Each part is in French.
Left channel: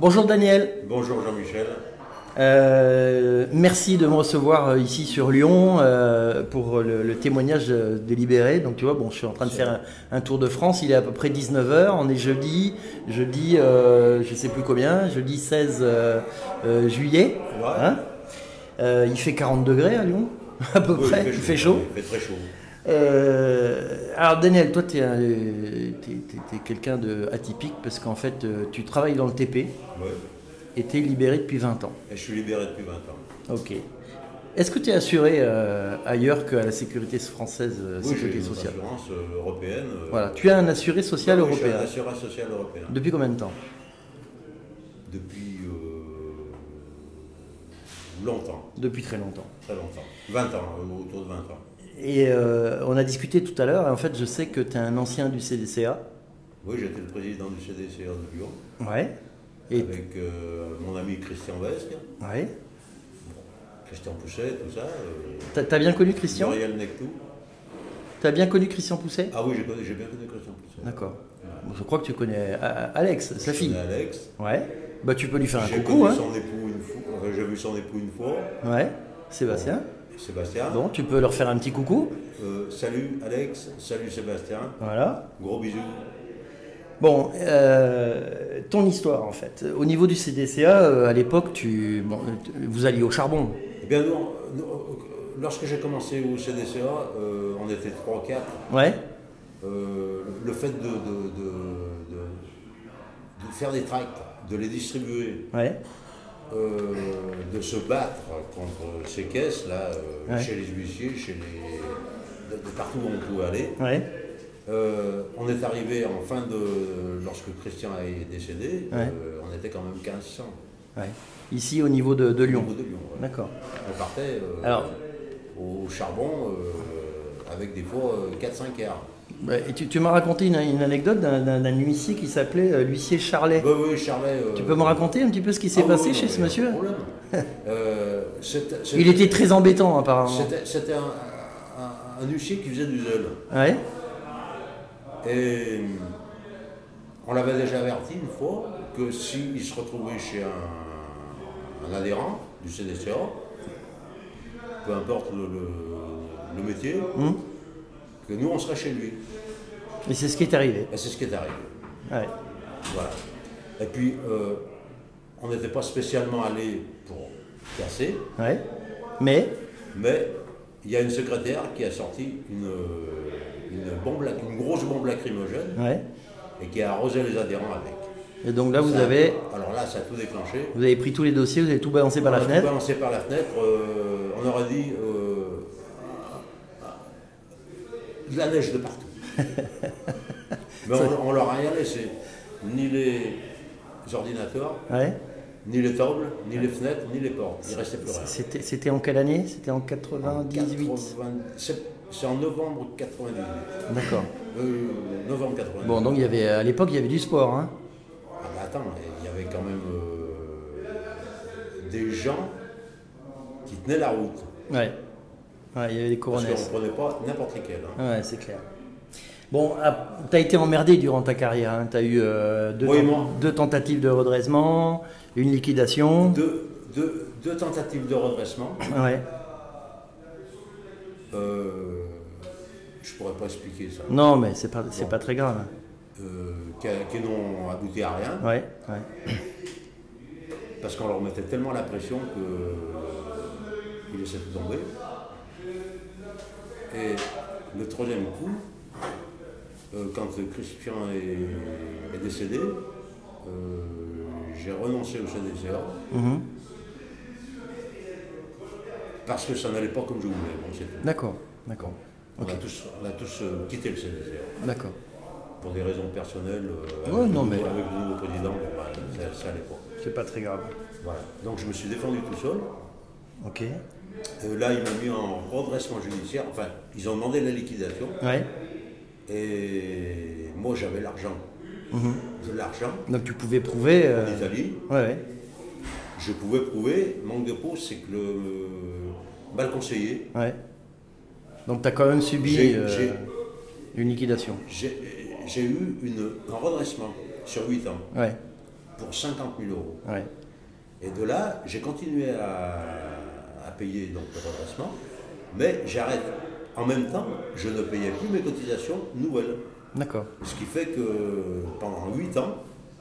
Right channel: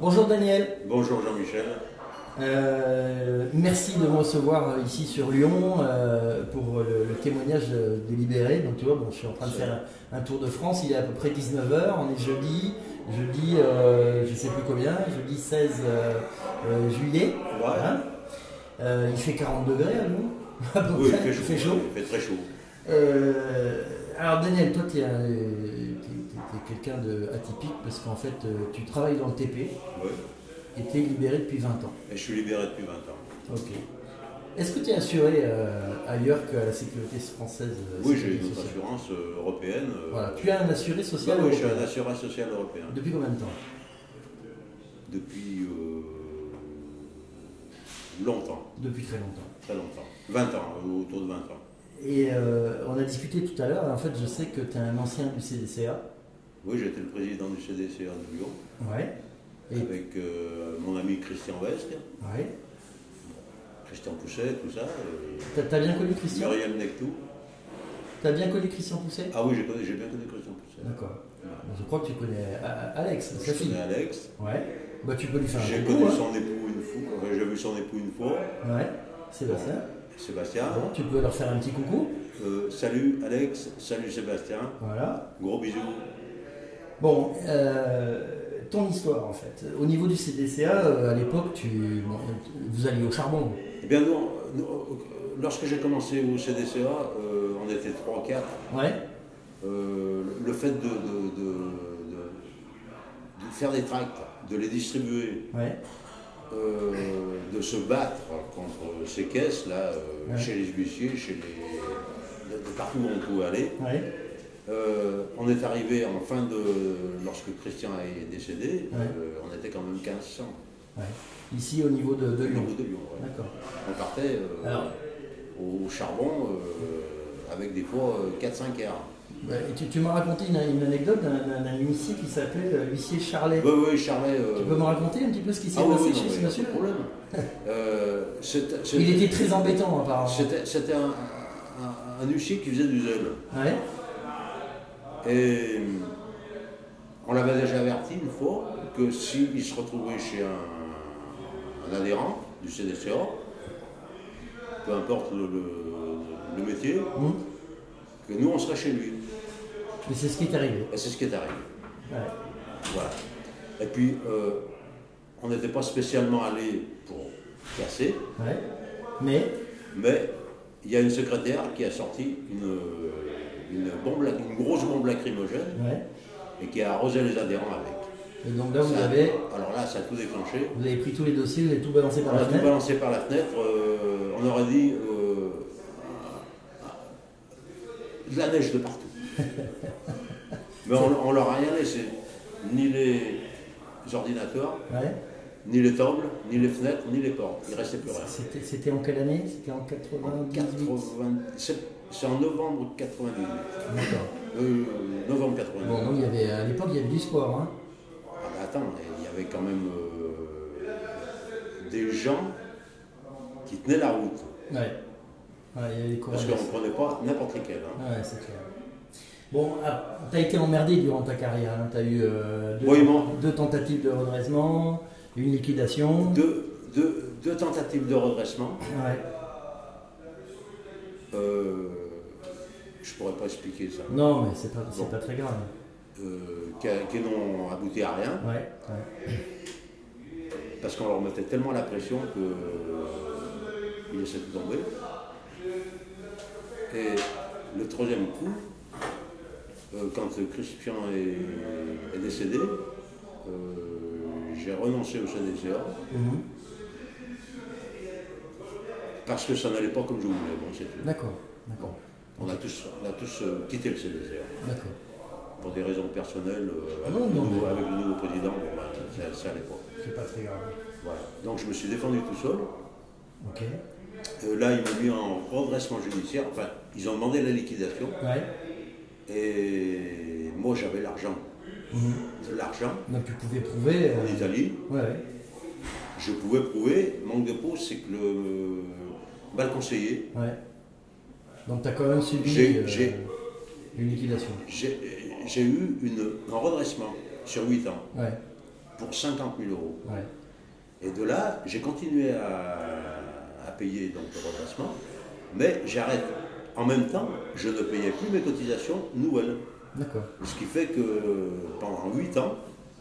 Bonjour Daniel. Bonjour Jean-Michel. Merci de me recevoir ici sur Lyon pour le témoignage de Libéré. Donc tu vois, bon, je suis en train de faire un tour de France, il est à peu près 19 h, on est jeudi, je sais plus combien, jeudi 16 juillet. Ouais. Hein, il fait 40 degrés à Lyon, à peu près, il fait chaud. Il fait très chaud. Alors Daniel, toi tu es quelqu'un d'atypique parce qu'en fait tu travailles dans le TP. Oui. Et tu es libéré depuis 20 ans. Et je suis libéré depuis 20 ans. Ok. Est-ce que tu es assuré ailleurs qu'à la sécurité française? Oui, j'ai une assurance européenne. Voilà. Tu as un assuré social européen? Oui, j'ai un assureur social européen. Depuis combien de temps? Depuis longtemps. Depuis très longtemps. Très longtemps. 20 ans, autour de 20 ans. Et on a discuté tout à l'heure, en fait je sais que tu es un ancien du CDCA. Oui, j'étais le président du CDCA de Lyon. Ouais. Et avec mon ami Christian Vesque. Ouais. Bon, Christian Pousset, tout ça. T'as bien connu Christian? Muriel Nectou. T'as bien connu Christian Pousset? Ah oui, j'ai bien connu Christian Pousset. D'accord. Bon, je crois que tu connais Alex, sa fille. Je connais Alex. Ouais. Bah tu peux lui faire un coucou. J'ai connu son époux une fois. Enfin, j'ai vu son époux une fois. Ouais. Sébastien. Bon, Sébastien. Bon, tu peux leur faire un petit coucou. Salut Alex, salut Sébastien. Voilà. Gros bisous. Bon, ton histoire en fait. Au niveau du CDCA, à l'époque, vous alliez au charbon. Eh bien, lorsque j'ai commencé au CDCA, on était 3-4. Ouais. Le fait de faire des tracts, de les distribuer, ouais. De se battre contre ces caisses là, ouais. chez les huissiers, de partout où on pouvait aller. Ouais. On est arrivé en fin de... Lorsque Christian est décédé, ouais. On était quand même 1500. Ouais. Ici au niveau de Lyon. Au niveau de Lyon, ouais. D'accord. On partait au charbon avec des fois 4-5 heures. Tu m'as raconté une anecdote d'un huissier qui s'appelait l'huissier Charlet. Oui, Charlet. Tu peux me raconter un petit peu ce qui s'est passé chez ce monsieur? Pas de problème. Il était très embêtant apparemment. C'était un huissier qui faisait du zèle. Ouais. Et on l'avait déjà averti une fois que s'il se retrouvait chez un adhérent du CDCA, peu importe le métier, que nous on serait chez lui. Et c'est ce qui est arrivé. Et c'est ce qui est arrivé. Ouais. Voilà. Et puis on n'était pas spécialement allé pour casser. Ouais. Mais il y a une secrétaire qui a sorti une grosse bombe lacrymogène, ouais. Et qui a arrosé les adhérents avec. Et donc là, avez... Alors là, ça a tout déclenché. Vous avez pris tous les dossiers, vous avez tout balancé par la fenêtre? On a tout balancé par la fenêtre. On aurait dit de la neige de partout. Mais on leur a rien laissé. Ni les ordinateurs, ouais. Ni les tables, ni les fenêtres, ni les portes. Il ne restait plus rien. C'était en quelle année? C'était en 98? C'est en novembre 98. D'accord. Novembre 98. Bon, donc à l'époque, il y avait du sport. Hein. Ah bah attends, il y avait quand même des gens qui tenaient la route. Ouais. Ouais, il y avait des Parce qu'on ne prenait pas n'importe lesquels. Hein. Ouais, c'est clair. Bon, tu as été emmerdé durant ta carrière. Hein. Tu as eu deux tentatives de redressement, une liquidation. Deux tentatives de redressement. Ouais. Je pourrais pas expliquer ça. Non, mais c'est pas très grave. Qui n'ont abouti à rien. Ouais. Parce qu'on leur mettait tellement la pression qu'ils essaient de tomber. Et le troisième coup, quand Christian est décédé, j'ai renoncé au CDCA. Parce que ça n'allait pas comme je voulais. Bon, c'est tout. D'accord. On a tous quitté le CDCA. D'accord. Pour des raisons personnelles, avec le nouveau président, ça n'allait pas. C'est pas très grave. Voilà. Donc je me suis défendu tout seul. Ok. Là, ils m'ont mis en redressement judiciaire. Enfin, ils ont demandé la liquidation. Ouais. Et moi, j'avais l'argent. De l'argent. Donc tu pouvais prouver. En Italie. Ouais. Je pouvais prouver. Manque de peau, c'est que mal conseillé. Ouais. Donc tu as quand même subi une liquidation. J'ai eu un redressement sur 8 ans. Ouais. pour 50 000 euros. Ouais. Et de là, j'ai continué à payer donc, le redressement, mais j'arrête. En même temps, je ne payais plus mes cotisations nouvelles. D'accord. Ce qui fait que pendant 8 ans,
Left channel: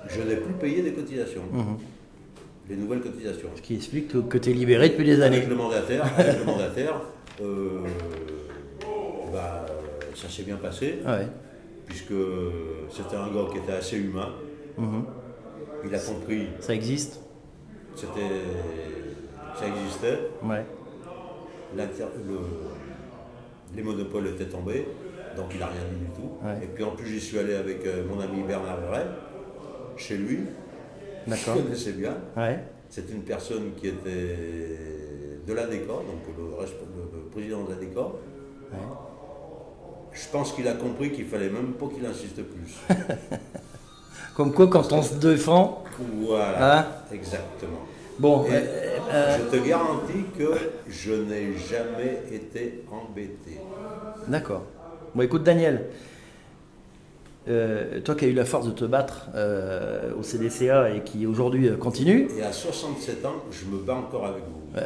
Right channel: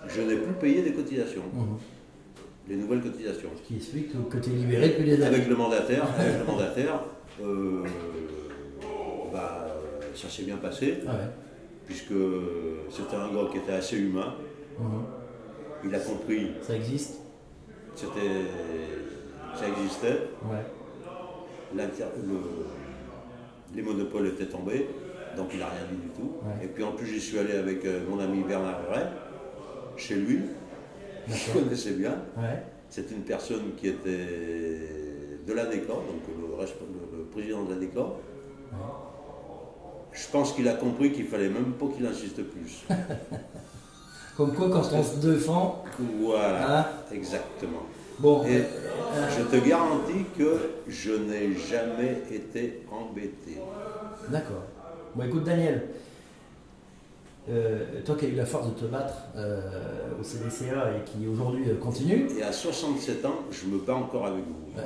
je n'ai plus payé des cotisations. Les nouvelles cotisations. Ce qui explique que tu es libéré depuis des années. Avec le mandataire, ça s'est bien passé, Ouais. puisque c'était un gars qui était assez humain. Il a compris Ça existe. que ça existait. Ouais. Les monopoles étaient tombés, donc il n'a rien dit du tout. Ouais. Et puis en plus, j'y suis allé avec mon ami Bernard Ray, chez lui. Je connaissais bien. Ouais. C'est une personne qui était de l'ADECA, donc le président de l'ADECA. Ouais. Je pense qu'il a compris qu'il ne fallait même pas qu'il insiste plus. Comme quoi, quand on se défend. Voilà, hein, exactement. Bon, et je te garantis que je n'ai jamais été embêté. D'accord. Bon, écoute, Daniel, toi qui as eu la force de te battre au CDCA et qui aujourd'hui continue. Et à 67 ans, je me bats encore avec vous. Ben,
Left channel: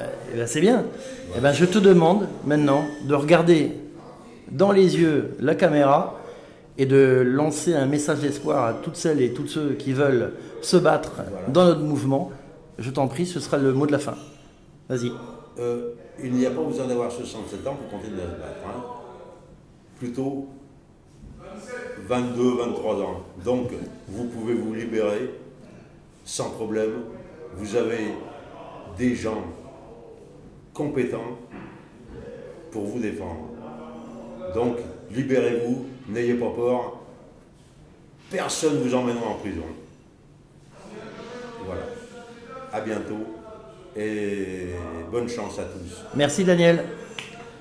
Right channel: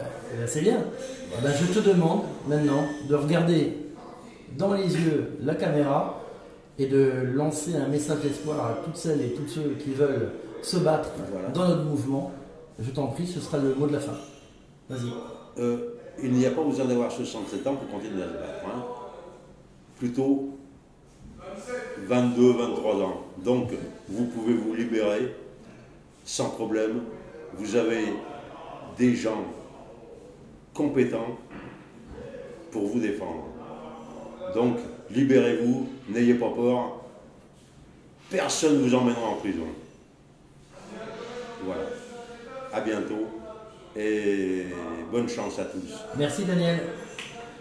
c'est bien. Voilà. Ben, je te demande maintenant de regarder dans les yeux la caméra et de lancer un message d'espoir à toutes celles et tous ceux qui veulent se battre dans notre mouvement. Je t'en prie, ce sera le mot de la fin. Vas-y. Il n'y a pas besoin d'avoir 67 ans pour continuer à se battre. Hein. Plutôt 22, 23 ans. Donc, vous pouvez vous libérer sans problème. Vous avez des gens compétents pour vous défendre. Donc, libérez-vous, n'ayez pas peur. Personne ne vous emmènera en prison. Voilà. À bientôt et bonne chance à tous. Merci Daniel.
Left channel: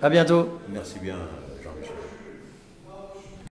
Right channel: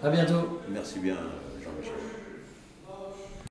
À bientôt. Merci bien Jean-Michel.